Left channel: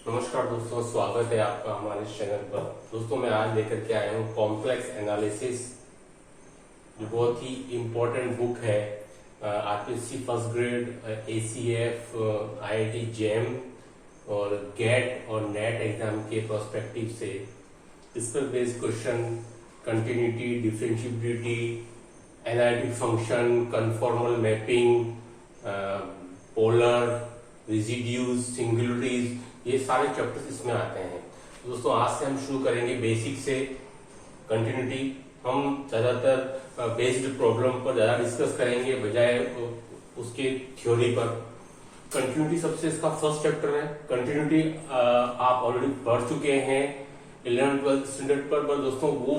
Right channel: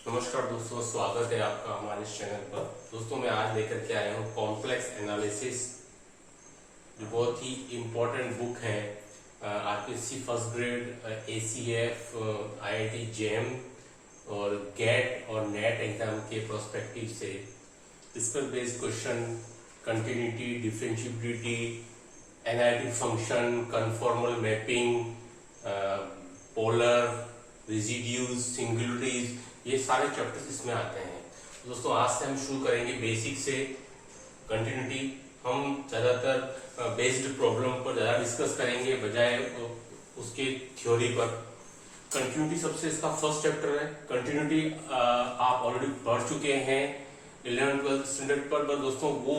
नमस्कार दोस्तों, स्वागत है आपका हमारे इस चैनल पर। दोस्तों मैं आज लेकर के आया हूँ कॉम्प्लेक्स एनालिसिस, जो बहुत ही इम्पोर्टेंट बुक है RPSC first grade, ACF, IIT JAM और गेट और नेट एग्जाम के प्रोस्पेक्टिव से। इस पर based question, continuity, differentiability, analytic function, conformal mapping, polar, residues, singularities, ये सारे चैप्टर्स इसमें आते हैं। तो दोस्तों आज से हम शुरू करेंगे बेसिक से कंटिन्यूटी। हम ज़्यादातर बेस्ड प्रॉब्लम पर ज़्यादा डिस्कस करेंगे बजाय उसके थ्योरी पर। कंटिन्यूटी सबसे इसका फर्स्ट चैप्टर है। कंटिन्यूटी आप ऑलरेडी पढ़ चुके हैं 11th-12th स्टैंडर्ड पर दोस्तों। वो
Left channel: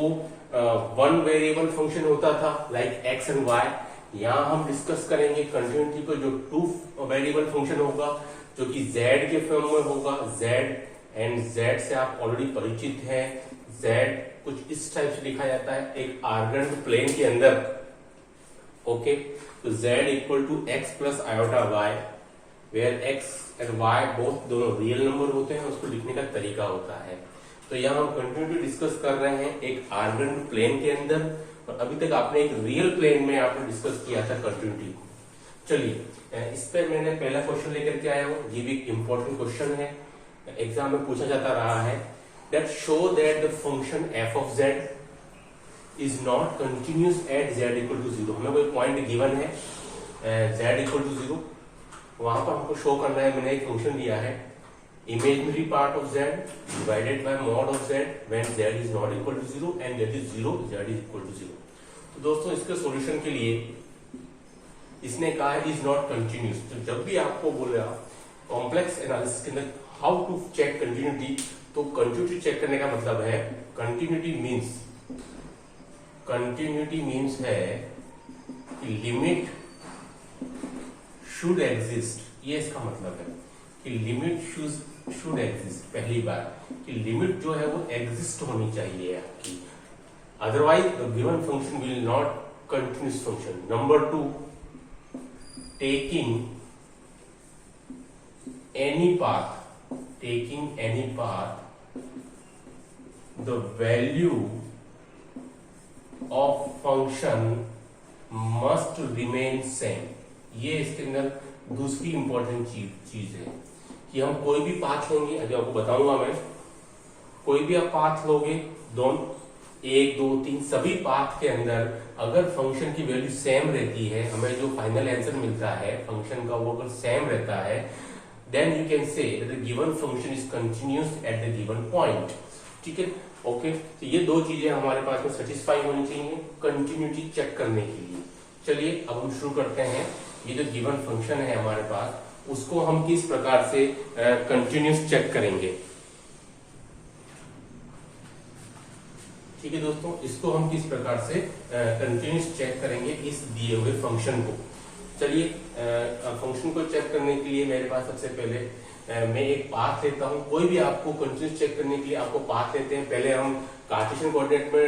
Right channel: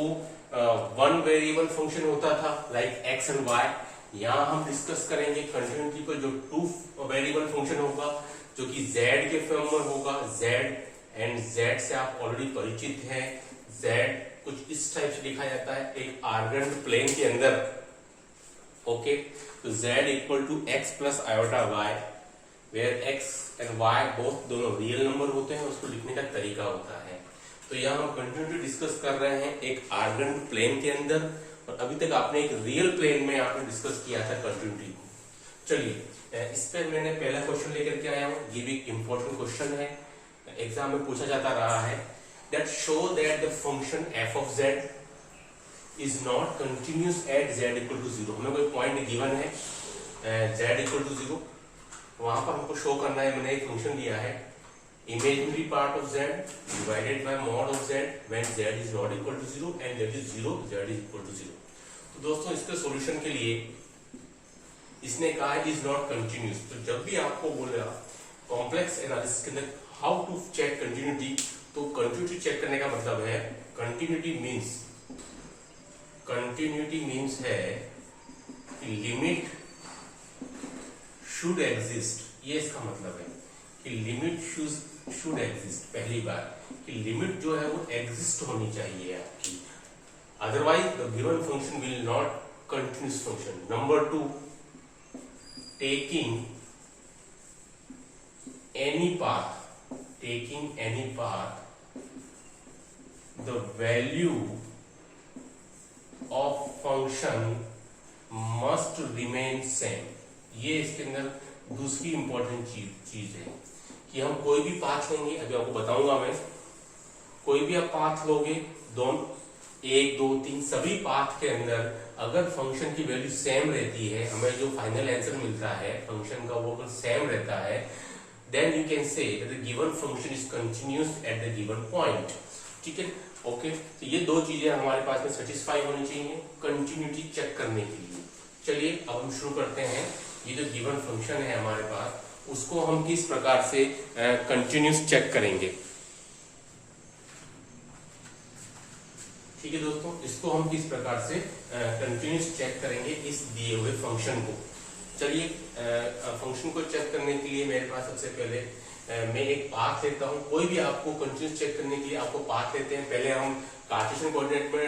वन वेरिएबल फंक्शन होता था लाइक एक्स एंड वाई। यहाँ हम डिस्कस करेंगे कंटिन्यूटी को, जो टू वेरिएबल फंक्शन होगा, जो कि z के फॉर्म में होगा। z एंड z से आप ऑलरेडी परिचित हैं। z कुछ इस टाइप से लिखा जाता है एक आर्गेंट प्लेन के अंदर। ओके, तो z equal to x plus iota y, where x and y both दोनों रियल नंबर होते हैं। उसको लिखने का तरीका होता है। तो यहाँ हम कंटिन्यूटी डिस्कस कर रहे हैं एक आर्गेंट प्लेन के अंदर, और अभी तक आपने एक रियल प्लेन में आपने डिस्कस किया था कंटिन्यूटी को। चलिए, इस पे मैंने पहला क्वेश्चन लेकर के आया हूँ। ये भी इंपॉर्टेंट क्वेश्चन है, एग्जाम में पूछा जाता रहा है। That show that the function f of z is not continuous at z equal to zero. हमें कोई पॉइंट गिवन है जेड इक्वल टू जीरो, वहां पर हमको शो करना है। मैंने एक फंक्शन दिया है imaginary part of z divided by mod of z when z is not equal to zero and z is zero, z is equal to zero. तो दोस्तों इसके सॉल्यूशन के लिए इसने कहा इज नॉट कंटिन्यूस। तो जब भी आपको बोला कॉम्प्लेक्स एनालिसिस के अंदर हाउ टू चेक कंटिन्यूटी, तो कंटिन्यूटी चेक करने का मतलब है कंटिन्यूटी मीन्स है कि लिमिट शुड एग्जिस्ट। ये इसका मतलब है कि लिमिट शुड एग्जिस्ट। पहली बात कि लिमिट जो है वो एग्जिस्ट होनी चाहिए आपकी, otherwise the given function will not continuous function. Number 2, taking any path, the value of function must remain same। ये इसके अंदर दूसरी इंपॉर्टेंट चीज है कि हम कोई भी पाथ लेंगे, अभी आपको बताऊंगा मैं। कोई भी आप पाथ लोगे, दोनों 1, 2, 3 सभी पाथ के अंदर अगर फंक्शन की वैल्यू सेम रहती है, हमें जो फाइनल आंसर मिलता है फंक्शन का वो अगर सेम रहता है, then you can say that the given function is continuous at the given point. ठीक है, ओके। तो ये दो चीजें हमारे पास में सेटिस्फाई होनी चाहिए कंटिन्यूटी चेक करने के लिए। चलिए अब हम शुरू करते हैं। ये जो गिवन फंक्शन है हमारे पास, उसको हम किस प्रकार से कंटिन्यूअस चेक करेंगे। ठीक है दोस्तों, इसको हम किस प्रकार से कंटिन्यूस चेक करेंगे इस दिए हुए फंक्शन को। चलिए, फंक्शन को चेक करने के लिए मेरे पास सबसे पहले मैं एक पाथ लेता हूं। कोई भी आपको कंटिन्यूस चेक करने के लिए आपको पाथ लेते हैं। पहले हम कार्टेशियन कोऑर्डिनेट में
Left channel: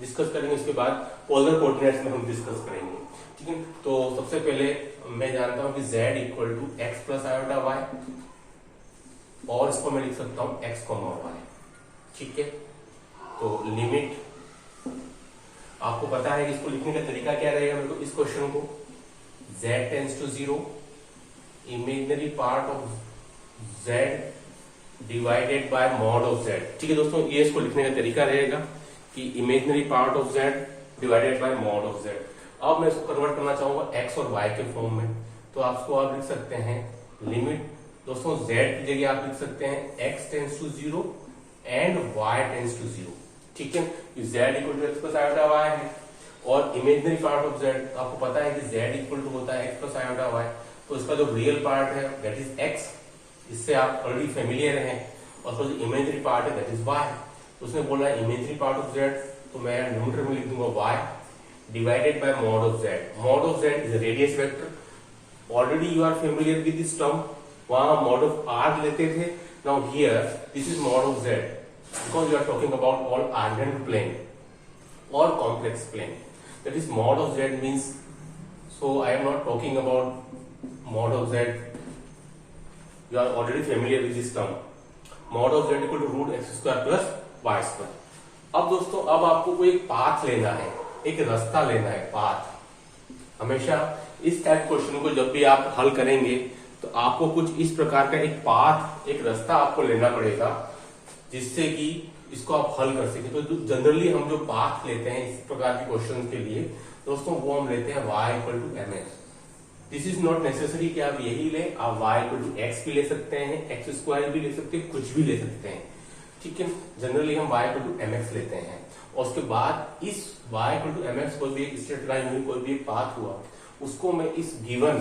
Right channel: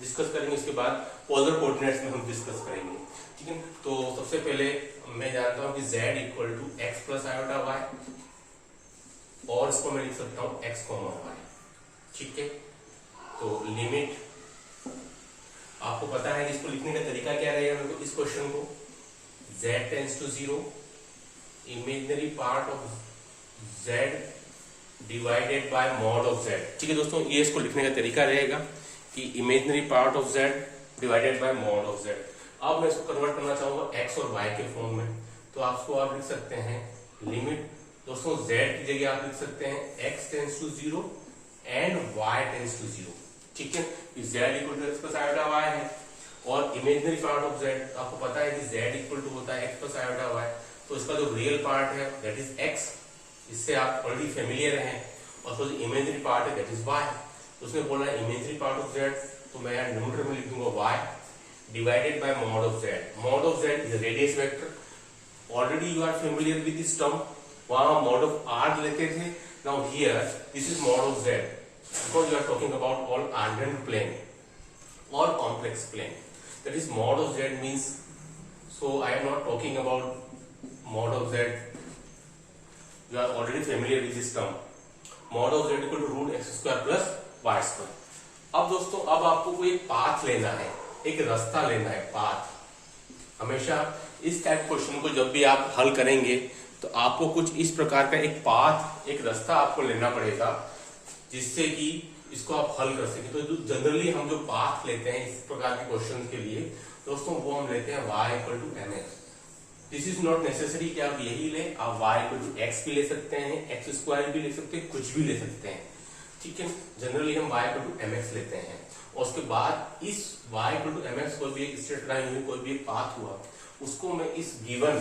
डिस्कस करेंगे, उसके बाद पोलर कोऑर्डिनेट्स में हम डिस्कस करेंगे। ठीक है, तो सबसे पहले मैं जानता हूं कि z equal to x plus iota y, और इसको मैं लिख सकता हूं x कॉमा वाई। ठीक है, तो लिमिट आपको पता है इसको लिखने का तरीका क्या रहेगा। मेरे को इस क्वेश्चन को z tends to zero, imaginary part of z divided by mod of z। ठीक है दोस्तों, ये इसको लिखने का तरीका रहेगा कि imaginary part of z divided by mod of z। अब मैं इसको कन्वर्ट करना चाहूंगा x और y के फॉर्म में, तो आप लिख सकते हैं लिमिट दोस्तों z की जगह आप लिख सकते हैं x tends to zero and y tends to zero. ठीक है, z equal to x plus iota y है, और इमेजिनरी पार्ट ऑफ z आपको पता है कि z इक्वल टू होता है एक्स प्लस आयोटा वाई। तो इसका जो रियल पार्ट है दैट इज x, इससे आप ऑलरेडी फेमिलियर हैं, और जो इमेजिनरी पार्ट है दैट इज y। तो उसने बोला इमेजिनरी पार्ट ऑफ z, तो मैं न्यूमरेटर में लिख दूंगा y divided by mod of z। Mod of z is radius vector. Already you are familiar with this term, वहां मॉड ऑफ r लेते थे। Now here this is mod of z, because we are talking about all argand plane or complex plane, that is mod of z means, so I am not talking about mod of z you are already familiar with this term, mod of z equal to root x square plus y square. अब दोस्तों अब आपको कोई एक path लेना है, एक रास्ता लेना है, पाथ। हमेशा इस टाइप क्वेश्चन को जब भी आप हल करेंगे तो आपको कुछ इस प्रकार का एक पाथ, एक रास्ता आपको लेना पड़ेगा जिससे कि इसको आप हल कर सकें। तो जनरली हम जो पाथ लेते हैं इस प्रकार के क्वेश्चन के लिए दोस्तों, वो हम लेते हैं y equal to m x. This is not necessary कि आप यही ले, आप y इक्वल टू एक्स भी ले सकते हैं, एक्स स्क्वायर भी ले सकते हैं, कुछ भी ले सकते हैं, ठीक है। जनरली हम y equal to m x लेते हैं और उसके बाद इस y equal to m x कोई भी एक स्ट्रेट लाइन हुई, कोई भी एक पाथ हुआ, उसको मैं इस गिवन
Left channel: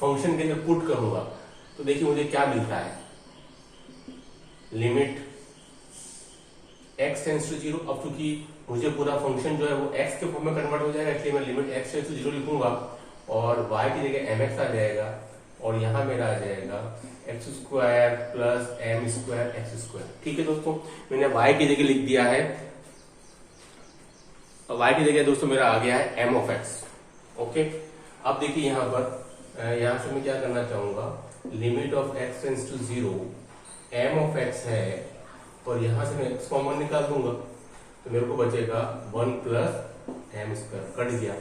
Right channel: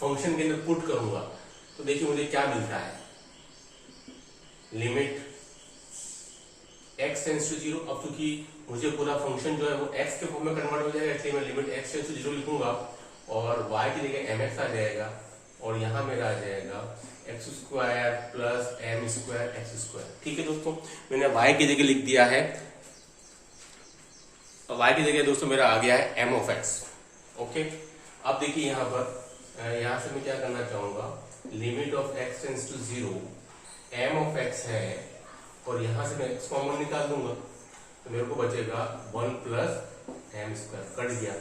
फंक्शन के अंदर पुट करूंगा। तो देखिए मुझे क्या मिलता है, लिमिट x टेंड्स टू 0। अब क्योंकि मुझे पूरा फंक्शन जो है वो x के फॉर्म में कन्वर्ट हो जाएगा, इसलिए मैं लिमिट x टेंड्स टू 0 लिखूंगा और y की जगह mx आ जाएगा और यहां मेरा आ जाएगा x square plus m square x square. ठीक है दोस्तों, मैंने y की जगह लिख दिया है, y की जगह दोस्तों मेरा आ गया है m ऑफ x। ओके, अब देखिए यहां से मैं क्या करना चाहूंगा, limit of x tends to 0 m of x है और यहां से मैं x कॉमन निकाल दूंगा तो मेरे को बचेगा 1 प्लस एम स्क्वायर, कट गया।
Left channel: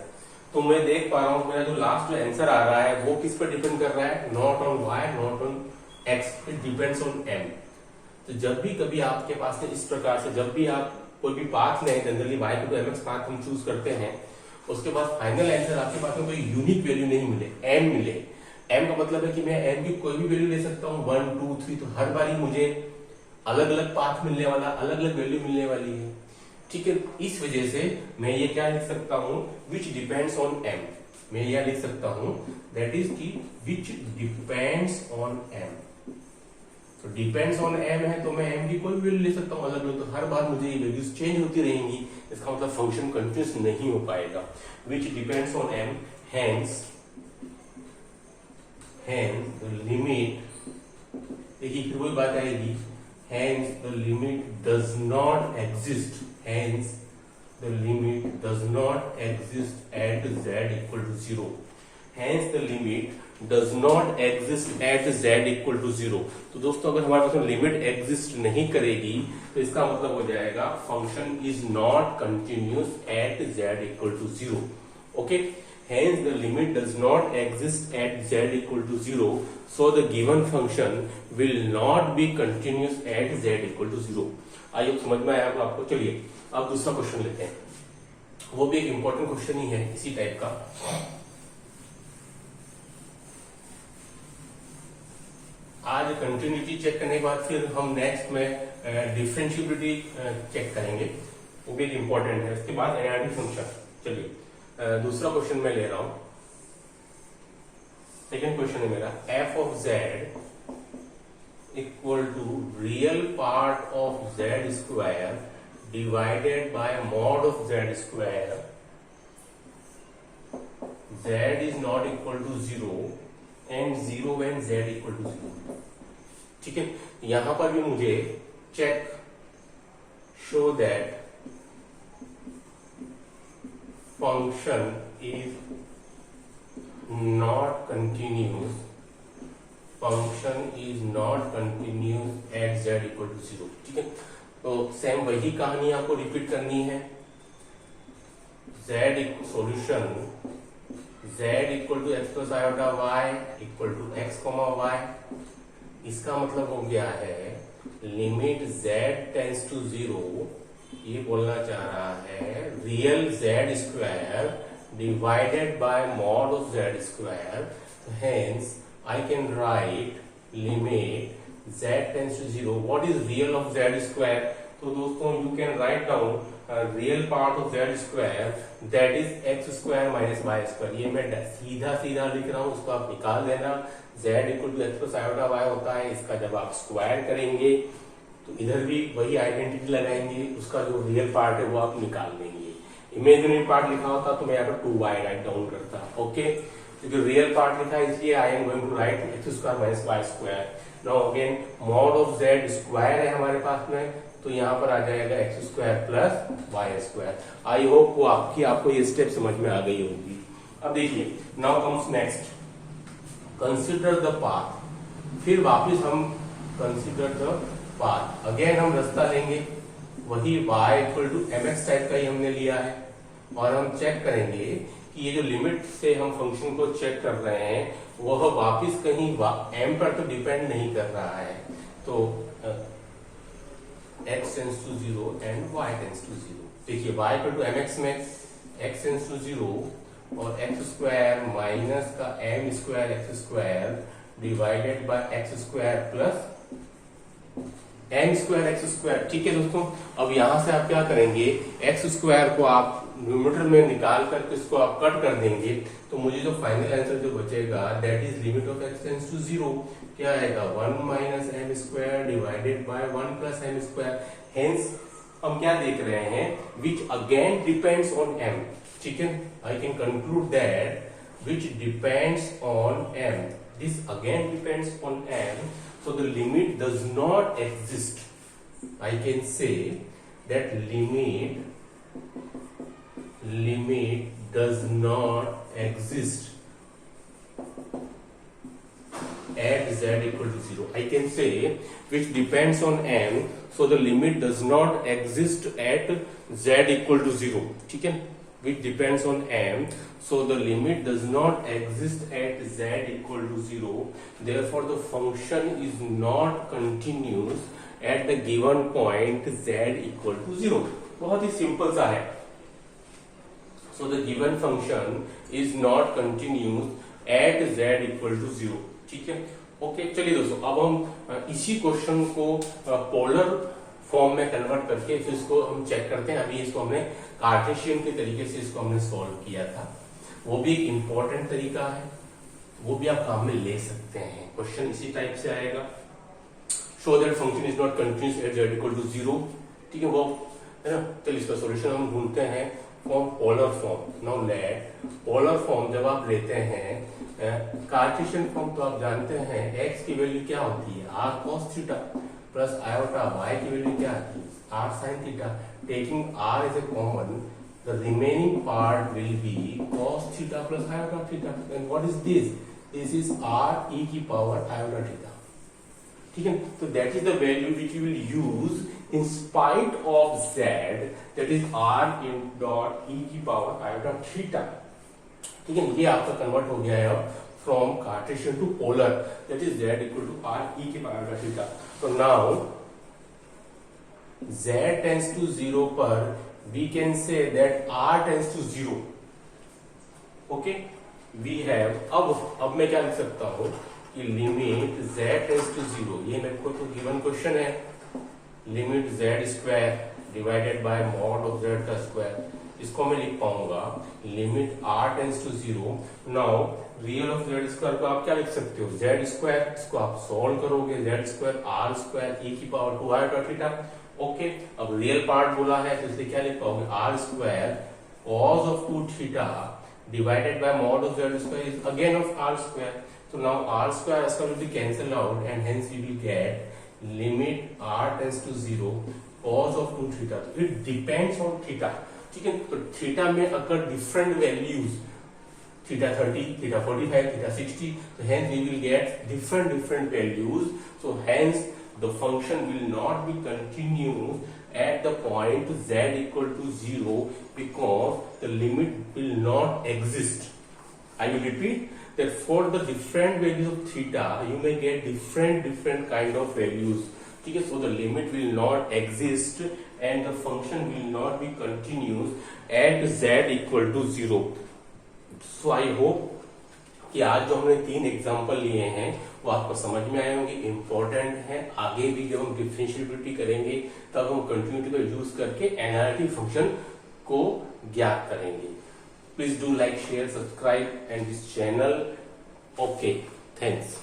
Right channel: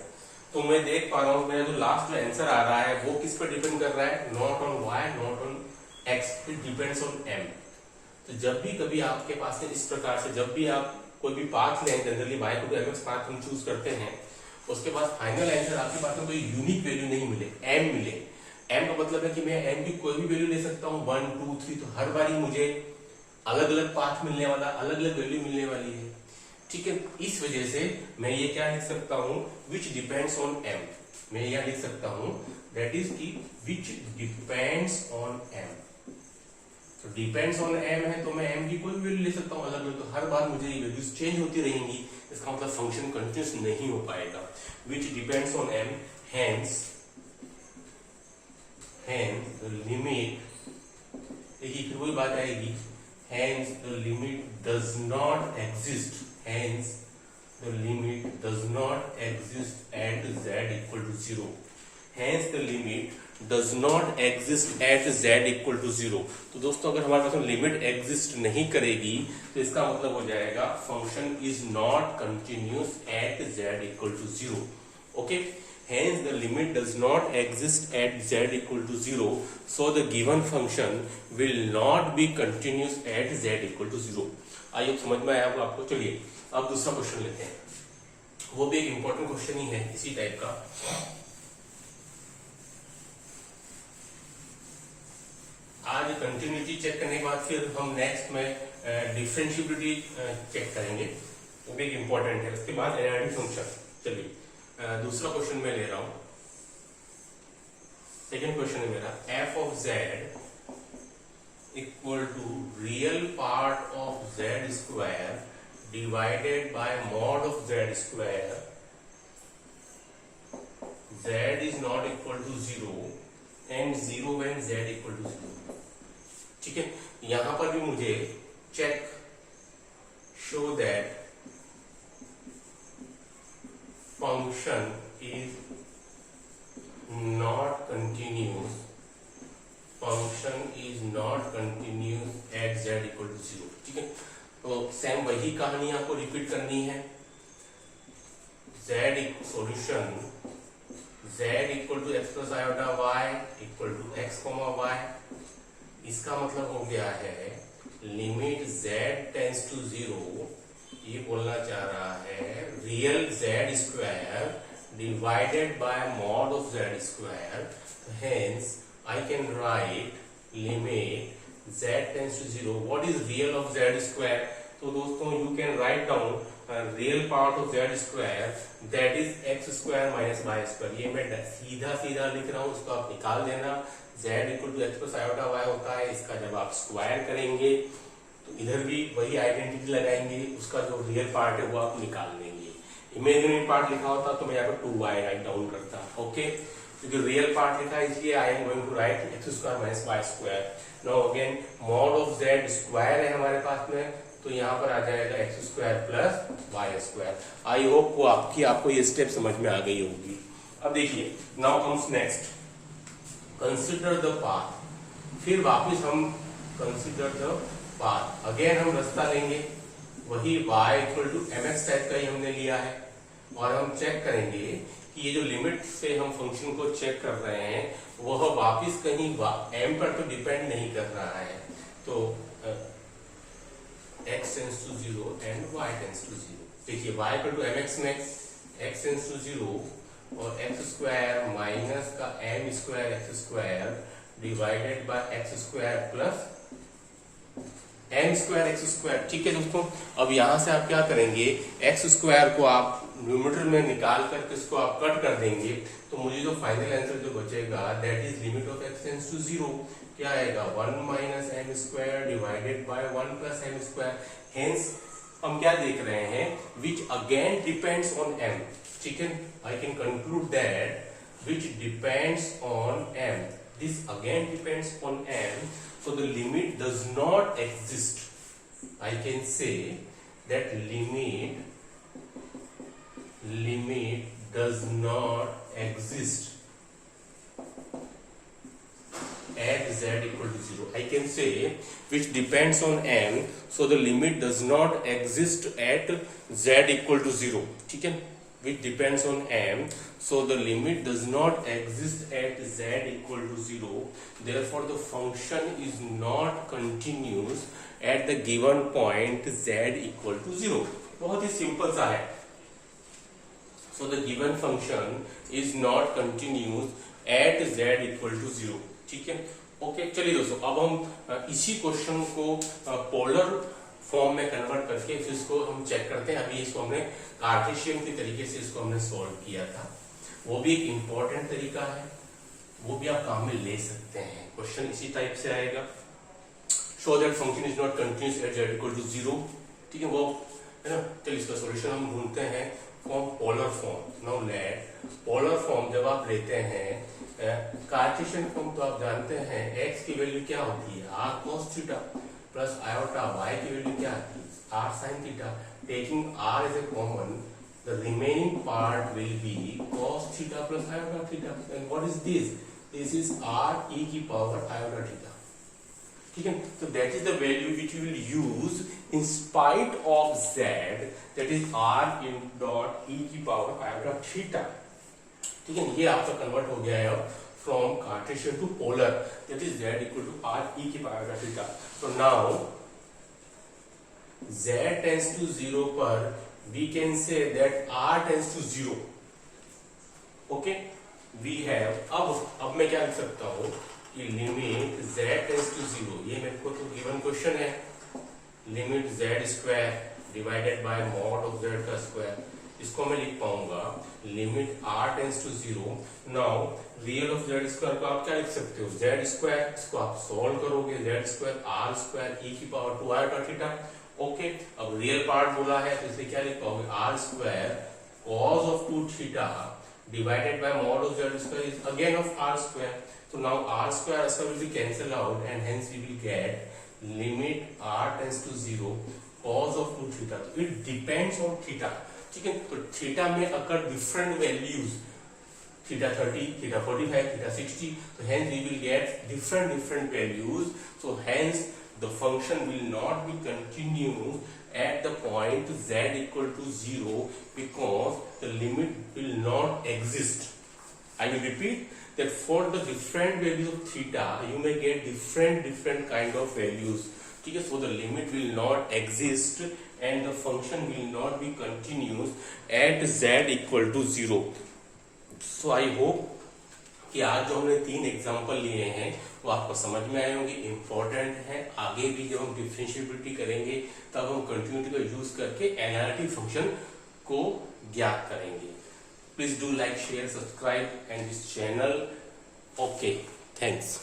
तो मैं देख पा रहा हूं मेरा जो लास्ट जो आंसर आ रहा है वो किस पर डिपेंड कर रहा है, not on y not on x, it depends on m। तो जब भी कभी आपके पास इस प्रकार से जब भी आप कोई भी पाथ लें, generally y to mx path हम चूज करते हैं, उसके बाद फाइनल आंसर आपके पास में कोई यूनिक वैल्यू नहीं मिले, m मिले। m का मतलब है कि मैं m की कोई भी वैल्यू ले सकता हूँ 1 2 3, तो हर बारी मुझे अलग अलग पाथ मिलने वाला, अलग अलग वैल्यू मिलने वाली है, ठीक है। इस वजह से मैं ये क्या लिख सकता हूँ, विच डिपेंड्स ऑन m। मैं यह लिख सकता हूँ दैट इज की विच डिपेंड्स ऑन m। तो डिपेंड्स ऑन m है तो मैं m की कोई भी वैल्यू ले सकता हूँ अलग अलग, तो हर बार मुझे ये वैल्यूज चेंज होती रहेंगी, इसका मतलब फंक्शन कंटिन्यूस नहीं हो पाएगा। विच depends on m, hence limit, देखिए फिर वही बात आएगी, hence the limit does not exist, hence the limit does not exist at z equal to 0, hence the limit does not exist at z equal to 0। तो दोस्तों अगर हमारे पास limit exist नहीं करेगी तो इसका मतलब हो जाएगा function is not continuous at z equal to 0। Okay, hence the limit does not exist at z equal to 0, so the given function will not be continuous at z equal to 0। आइए समझ में आया आपको। चलिए अब दूसरा question लेते हैं, वो भी एक इंपॉर्टेंट क्वेश्चन ही है इसी टाइप का। आज कंटिन्यूटी चेक करने के बाद फिर हम नेक्स्ट में डिफरेंशिएबिलिटी चेक करेंगे, वो भी एक इंपॉर्टेंट है। उसके बाद एनालिटिक फंक्शन। चलिए दूसरा क्वेश्चन मैं ले रहा हूं, सेकेंड क्वेश्चन है मेरा, f of z equal to real part of z square divided by mod of z square, z is not equal to 0 and 0 when z equal to 0। ठीक है, यहां पर भी मुझे check show that function is not continuous, function is not continuous at z equal to 0। ठीक है, तो same वही कहानी आपको रिपीट करनी है। z solution z equal to x plus iota y equal to x comma y, इसका मतलब हो गया है लिमिट z टेंड्स टू 0, ये बोलना चाह रहा है real z square divided by mod of z square, hence I can write limit z tends to 0। What is real of z square? तो दोस्तों you can write down real part of z square that is x square minus y square. ये मैं सीधा सीधा लिख रहा हूं, उसको आप निकाल लेना। z equal to x plus iota y होता है, इसका जब आप स्क्वायर करेंगे तो इधर भी वही आइडेंटिटी लगाएंगे, उसका जो रियल पार्ट है वो आप निकाल लेंगे। इमेजिनरी पार्ट लिखा होता तो मैं यहाँ पर 2y राइट डाउन करता। ओके, क्योंकि रियल पार्ट लिखा है इसलिए I am going to write x square minus y square. Now again mod of z square है हमारे पास में, तो यहाँ पर आ जाएगा x square plus y square. I hope वो आपको ये स्टेप समझ में आ गई होगी। अब देखिए, now comes next, consider the path. फिर वापस हम कंसीडर द पाथ, अगेन हम रास्ता लेंगे, वही y equal to mx type का ही हमने लिया है, और हम चेक करेंगे कि ये जो लिमिट से हम फंक्शन को चेक कर रहे हैं वह वापस कहीं m पर तो डिपेंड नहीं कर रहा है, तो x tends to 0 and y tends to 0। देखिए y इक्वल टू mx में x टेंड्स टू 0 और x स्क्वायर माइनस का m square x square divided by x square plus m square x square. ठीक है दोस्तों, अब यहां से आप क्या करेंगे, x स्क्वायर को आप न्यूमरेटर में निकाल करके इसको आप कट कर देंगे, तो मुझे जो फाइनल आंसर जो बचेगा that is limit of x tends to 0 क्या आएगा, 1 minus m square divided by 1 plus m square. Hence हम क्या देख रहे हैं, which again depends on m। ठीक है, I can conclude that which depends on m, this again depends on m, so the limit does not exist. I can say that limit does not exist at z equal to 0. I can say which depends on m, so the limit does not exist at z equal to 0. ठीक है, which depends on m, so the limit does not exist at z equal to 0. Therefore, the function is not continuous at the given point z equal to 0. बहुत ही simple सा है। So the given function is not continuous at z equal to 0. ठीक है, okay. चलिए दोस्तों, अब हम इसी क्वेश्चन को पोलर फॉर्म में कन्वर्ट करके फिर इसको हम चेक करते हैं। अभी इसको हमने कार्टेशियन के तरीके से इसको हमने सॉल्व किया था, वो भी एक इंपॉर्टेंट तरीका है, वो भी आप काम में ले सकते हैं। क्वेश्चन इसी टाइप से आएगा, show that function is not continuous at z equal to 0। ठीक है, वो है ना। चलिए इसका सॉल्यूशन हम ढूंढते हैं form polar form. Now let polar form जब आप लेते हैं, कार्टेशियन फॉर्म तो आप जानते हैं x की वैल्यू क्या होती है, r cos theta plus iota, y की वैल्यू क्या आती है, r sin theta. Taking r as a common, the remaining part will be cos theta plus iota theta. And what is this, this is r e की power iota theta. ठीक है, तो that is the value which you will use in spite of z, that is r in dot e की power iota theta. ठीक है, ये आपका convert हो गया है from Cartesian to polar, that is z equal to r e की power iota theta. So now z tends to 0 पर we can say that r tends to 0. Okay, we have अब मैं क्या लिख सकता हूँ कि लिमिट z tends to 0, ये मेरे को तो गिवन क्वेश्चन है, limit z square divided by mod of z का स्क्वायर, इसको मैं लिख पाऊंगा limit r tends to 0। Now real of z square को आप क्या लिख सकते हो, z स्क्वायर, इसको आप सॉल्व करोगे z square r square e की पावर 2 आयोटा थीटा। ओके, अब रियल पार्ट बोला है तो इसलिए क्या लिख पाओगे, r square cos of 2 theta divided by mod of z square is again of r square. तो नाउ r स्क्वायर इसका will be cancel out and hence we will get limit r tends to 0 cos of 2 theta. It depends on theta. ठीक है, तो theta में अगर different values, theta 30, theta 45, theta 60, so hence we will get different values, so hence the function will not be continuous at the point z equal to 0 because the limit will not exist. I will repeat that for the different values of theta you may get different kind of values. ठीक है, so the limit will not exist and the function will not be continuous at z equal to 0. So I hope कि आज जो हमने 3 example लिए हैं वो आपको समझ में आए होंगे, इंपॉर्टेंट है। आगे भी जब हम डिफरेंशिएबिलिटी करेंगे तब हम कंटिन्यूटी का यूज करके एनालिटिक फंक्शन को ज्ञात करेंगे। Please do like, share, subscribe and this channel. Okay, thanks.